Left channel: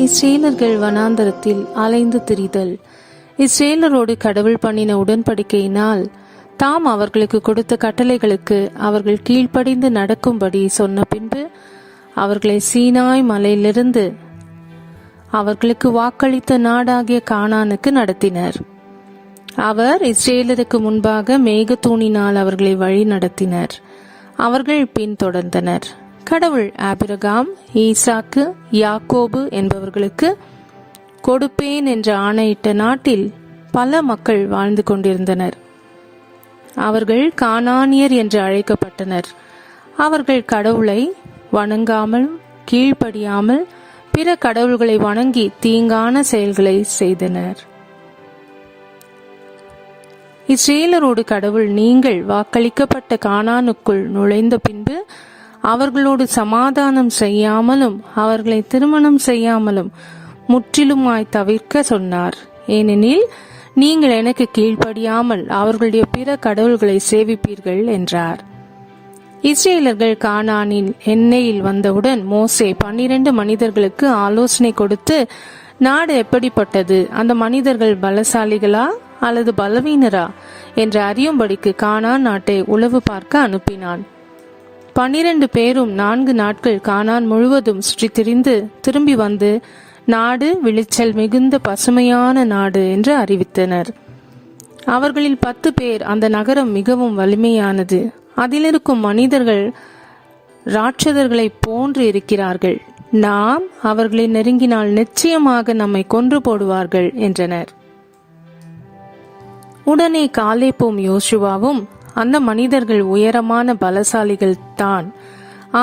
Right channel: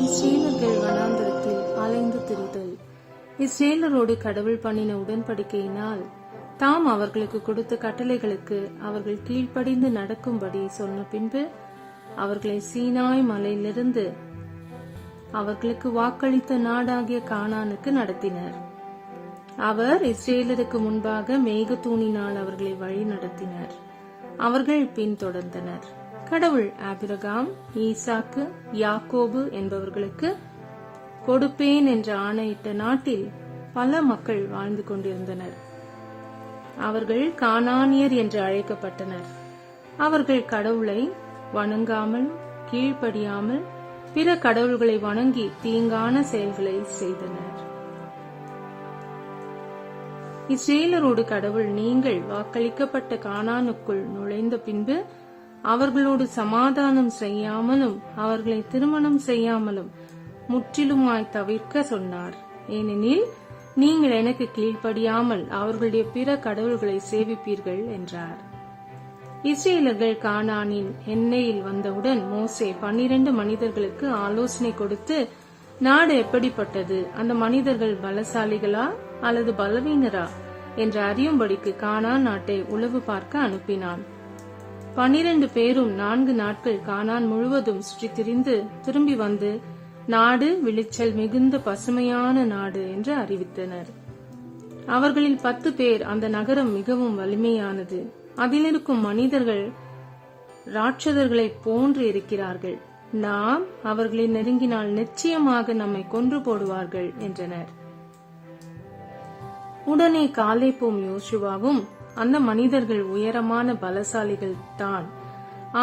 இஸ்ரேலர்கள் வனாந்தரத்தில் அலைந்து திரிதல். இஸ்ரேலரோடு கடவுள் பண்ணின உடன்படிக்கையினால் தாம் அவர்களுக்கு கொடுத்த கட்டளைகளுக்கு அவர்கள் கீழ்ப்படிந்து நடக்கும்படி சொன்ன பின்பு அவர்களை சீனாய் மலையிலிருந்து அவர்களுக்கு வாக்களித்த நாடாகிய கானானுக்கு நடத்தினர். அவர் இஸ்ரேலருக்கு முன்பாக மேகத்தூணினால் அவர்களை வழி நடத்தினர். அவர்கள் பின்தொடர்ந்தனர். கடவுள் ஆபிரகாம், ஈசாக்கு, யாக்கோபு என்பவர்களுக்கு கொடுப்பேன் என்று ஆணையிட்ட நாட்டில் பல மக்கள் வாழ்ந்து கொண்டிருந்தனர். அவர்கள் கானானியர் என்று அழைக்கப்பட்டனர். அவர்கள் கடவுளை வணங்காமல் கீழ்ப்படியாமல் பிற கடவுள்களை வணங்கி தீங்கான செயல்களை செய்தனர். இஸ்ரேலரோடு கடவுள் நீங்கள் வாக்களிக்கப்பட்ட கானானுக்குள் நுழைந்த பின்பு அவர்களோடு சமாதானம் செய்யாமலும் அவர்களை திருமணம் செய்யாமலும் முற்றிலுமாய் தவிர்க்க சொன்னார். ஏனெனில் நீங்கள் எனக்கு கீழ்ப்படியாமல் அவர்களுடைய பிற கடவுள்களை சேவிப்பீர்கள் என்றார். இஸ்ரேலர்கள் கானானின் எண்ணெயில் வந்தவுடன் மோசே 12 மனிதர்களுக்கு ஆலோசனை கொடுத்து, நாடு எப்படிப்பட்டது, அந்த மனிதர்கள் பலசாலிகளா அல்லது பலவீனரா என்று அறியும்படிக்கு கானான் நாட்டை உளவு பார்க்க அனுப்பினான். 12 பேரும் 4 நாட்கள் கானான் முழுவதும் சுற்றி திரிந்து திரும்பி வந்து நாடு விளைச்சல் மிகுந்த பசுமையான நாடு என்று அறிவித்தனர். அவர்களில் 10 பேர் அந்த நகரம் மிகவும் வலிமையானது, அதிலிருக்கும் மனிதர்கள் ராட்சதர்களை போன்று இருக்கிறார்கள், நாம் அவர்களை நெருங்கினால் நிச்சயமாக நம்மை கொன்று போடுவார்கள் என்றனர். உடனே காலேப்பும் யோசுவாவும், அந்த மனிதர்கள் உயரமான பலசாலிகள் தான்,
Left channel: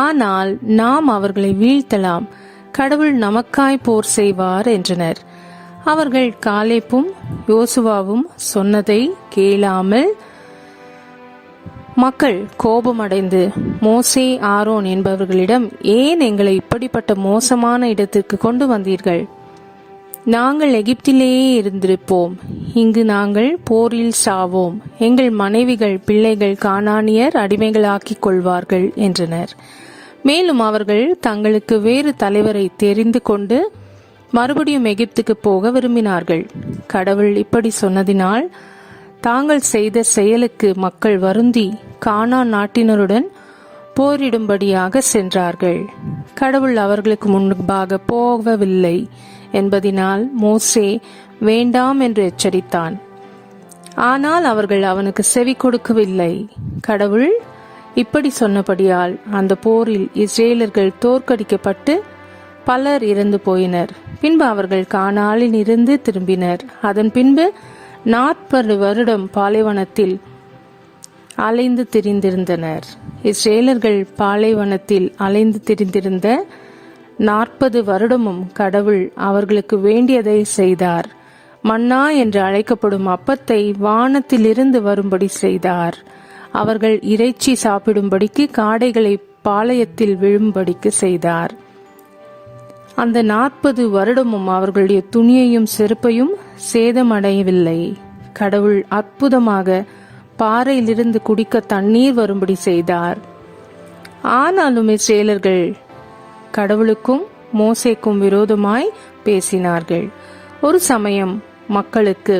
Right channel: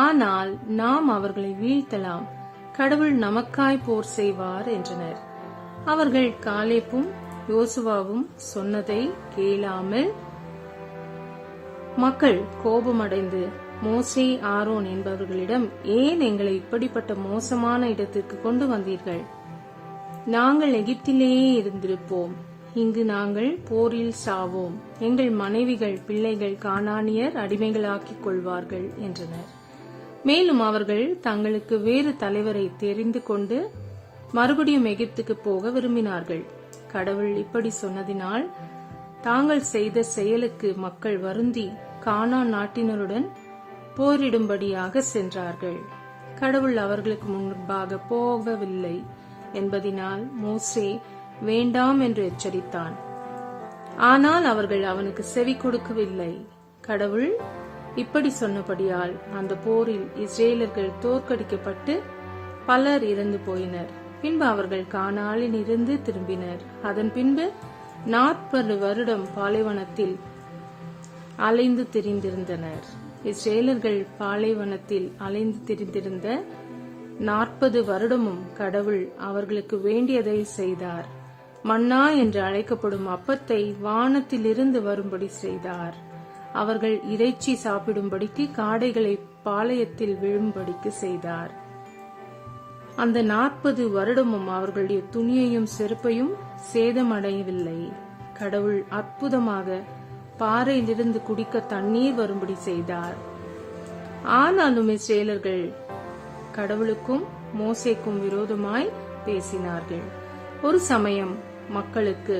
ஆனால் நாம் அவர்களை வீழ்த்தலாம், கடவுள் நமக்காய் போர் செய்வார் என்றனர். அவர்கள் காலேப்பும் யோசுவாவும் சொன்னதை கேளாமல் மக்கள் கோபமடைந்து மோசே, ஆரோன் என்பவர்களிடம், ஏன் எங்களை இப்படிப்பட்ட மோசமான இடத்திற்கு கொண்டு வந்தீர்கள்? நாங்கள் எகிப்திலேயே இருந்திருப்போம், இங்கு நாங்கள் போரில் சாவோம், எங்கள் மனைவிகள் பிள்ளைகள் கானானியர் அடிமைகளாக்கிக் கொள்வார்கள் என்றனர். மேலும் அவர்கள் தங்களுக்கு வேறு தலைவரை தெரிந்து கொண்டு மறுபடியும் எகிப்துக்கு போக விரும்பினார்கள். கடவுள் இப்படி சொன்னதினால் தாங்கள் செய்த செயலுக்கு மக்கள் வருந்தி கானான் நாட்டினருடன் போரிடும்படியாக சென்றார்கள். கடவுள் அவர்களுக்கு முன்பாக போகவில்லை என்பதினால் மோசே வேண்டாம் என்று எச்சரித்தான். ஆனால் அவர்கள் அவனுக்கு செவி கொடுக்கவில்லை. கடவுள் இப்படி சொன்னபடியால் அந்த போரில் இஸ்ரேலர்கள் தோற்கடிக்கப்பட்டு பலர் இறந்து போயினர். பின்பு அவர்கள் கானானில் இருந்து திரும்பினர். அதன் பின்பு 40 வருடம் பாலைவனத்தில் அலைந்து திரிந்திருந்தனர். இஸ்ரேலர்கள் பாலைவனத்தில் அலைந்து திரிந்திருந்த 40 வருடமும் கடவுள் அவர்களுக்கு வேண்டியதை செய்தார். மன்னா என்று அழைக்கப்படும் அப்பத்தை வானத்திலிருந்து வரும்படி செய்தார். அவர்கள் இறைச்சி சாப்பிடும்படிக்கு காடைகளை பாளையத்தில் விழும்படிக்கு செய்தார். அந்த 40 வருடமும் அவர்களுடைய துணியையும் செருப்பையும் சேதமடையவில்லை. கடவுள் அற்புதமாக பாறையிலிருந்து குடிக்க தண்ணீர் வரும்படி செய்தார். ஆனாலும் இஸ்ரேலர்கள் கடவுளுக்கும் மோசேக்கும் விரோதமாய் பேசினார்கள். ஒரு சமயம் மக்களுக்கு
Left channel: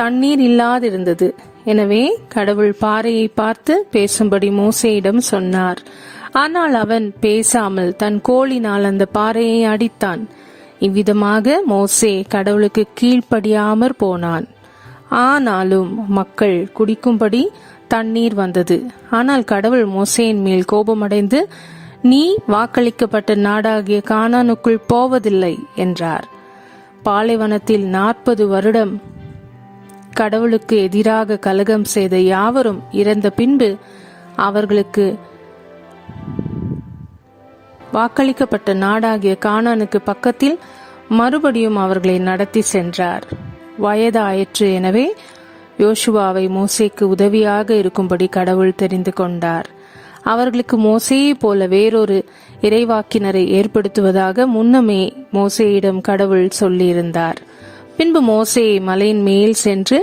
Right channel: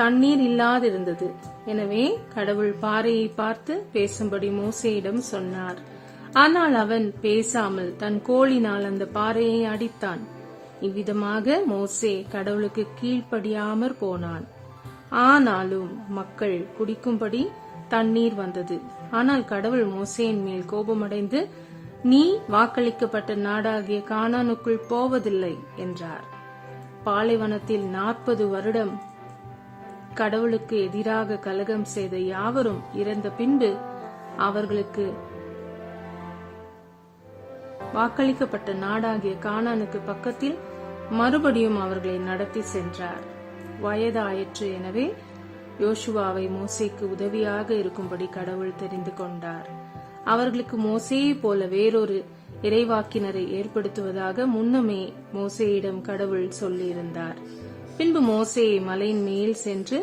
தண்ணீர் இல்லாதிருந்தது. எனவே கடவுள் பாறையை பார்த்து பேசும்படி மோசேயிடம் சொன்னார். ஆனால் அவன் பேசாமல் தன் கோலினால் அந்த பாறையை அடித்தான். இவ்விதமாக மோசே கடவுளுக்கு கீழ்ப்படியாமற் போனான். ஆனாலும் மக்கள் குடிக்கும்படி தண்ணீர் வந்தது. ஆனால் கடவுள் மோசேயின் மேல் கோபமடைந்து, நீ வாக்களிக்கப்பட்ட நாடாகிய கானானுக்குள் போவதில்லை என்றார். பாலைவனத்தில் 40 வருடம் கடவுளுக்கு எதிராக கலகம் செய்த யாவரும் இறந்த பின்பு அவர்களுக்கு வாக்களிக்கப்பட்ட நாடாகிய கானானுக்கு பக்கத்தில் மறுபடியும் அவர்களை நடத்தி சென்றார். வயதாயிற்று. எனவே யோசுவாவை மோசேக்கு உதவியாக இருக்கும்படி கடவுள் தெரிந்து கொண்டார். அவர்களுக்கு மோசேயை போல வேறொரு இறைவாக்கினரை ஏற்படுத்துவதாக முன்னமே மோசேயிடம் கடவுள் சொல்லியிருந்தார். பின்பு மோசே மலையின் மேல் சென்று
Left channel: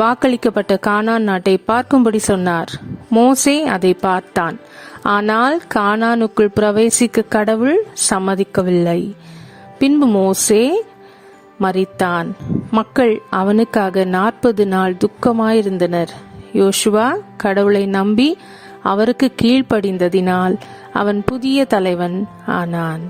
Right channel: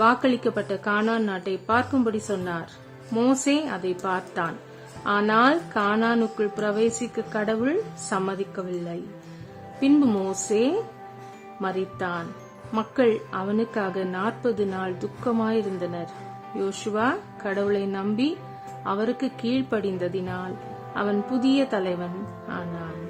வாக்களிக்கப்பட்ட கானான் நாட்டை பார்க்கும்படி சொன்னார். மோசே அதை பார்த்தான். ஆனால் கானானுக்குள் பிரவேசிக்க கடவுள் சம்மதிக்கவில்லை. பின்பு மோசே மரித்தான். மக்கள் அவனுக்காக 40 நாள் துக்கமாயிருந்தனர். யோசுவா கடவுளை நம்பி அவருக்கு கீழ்ப்படிந்ததினால் அவன் புதிய தலைவன் ஆனான்.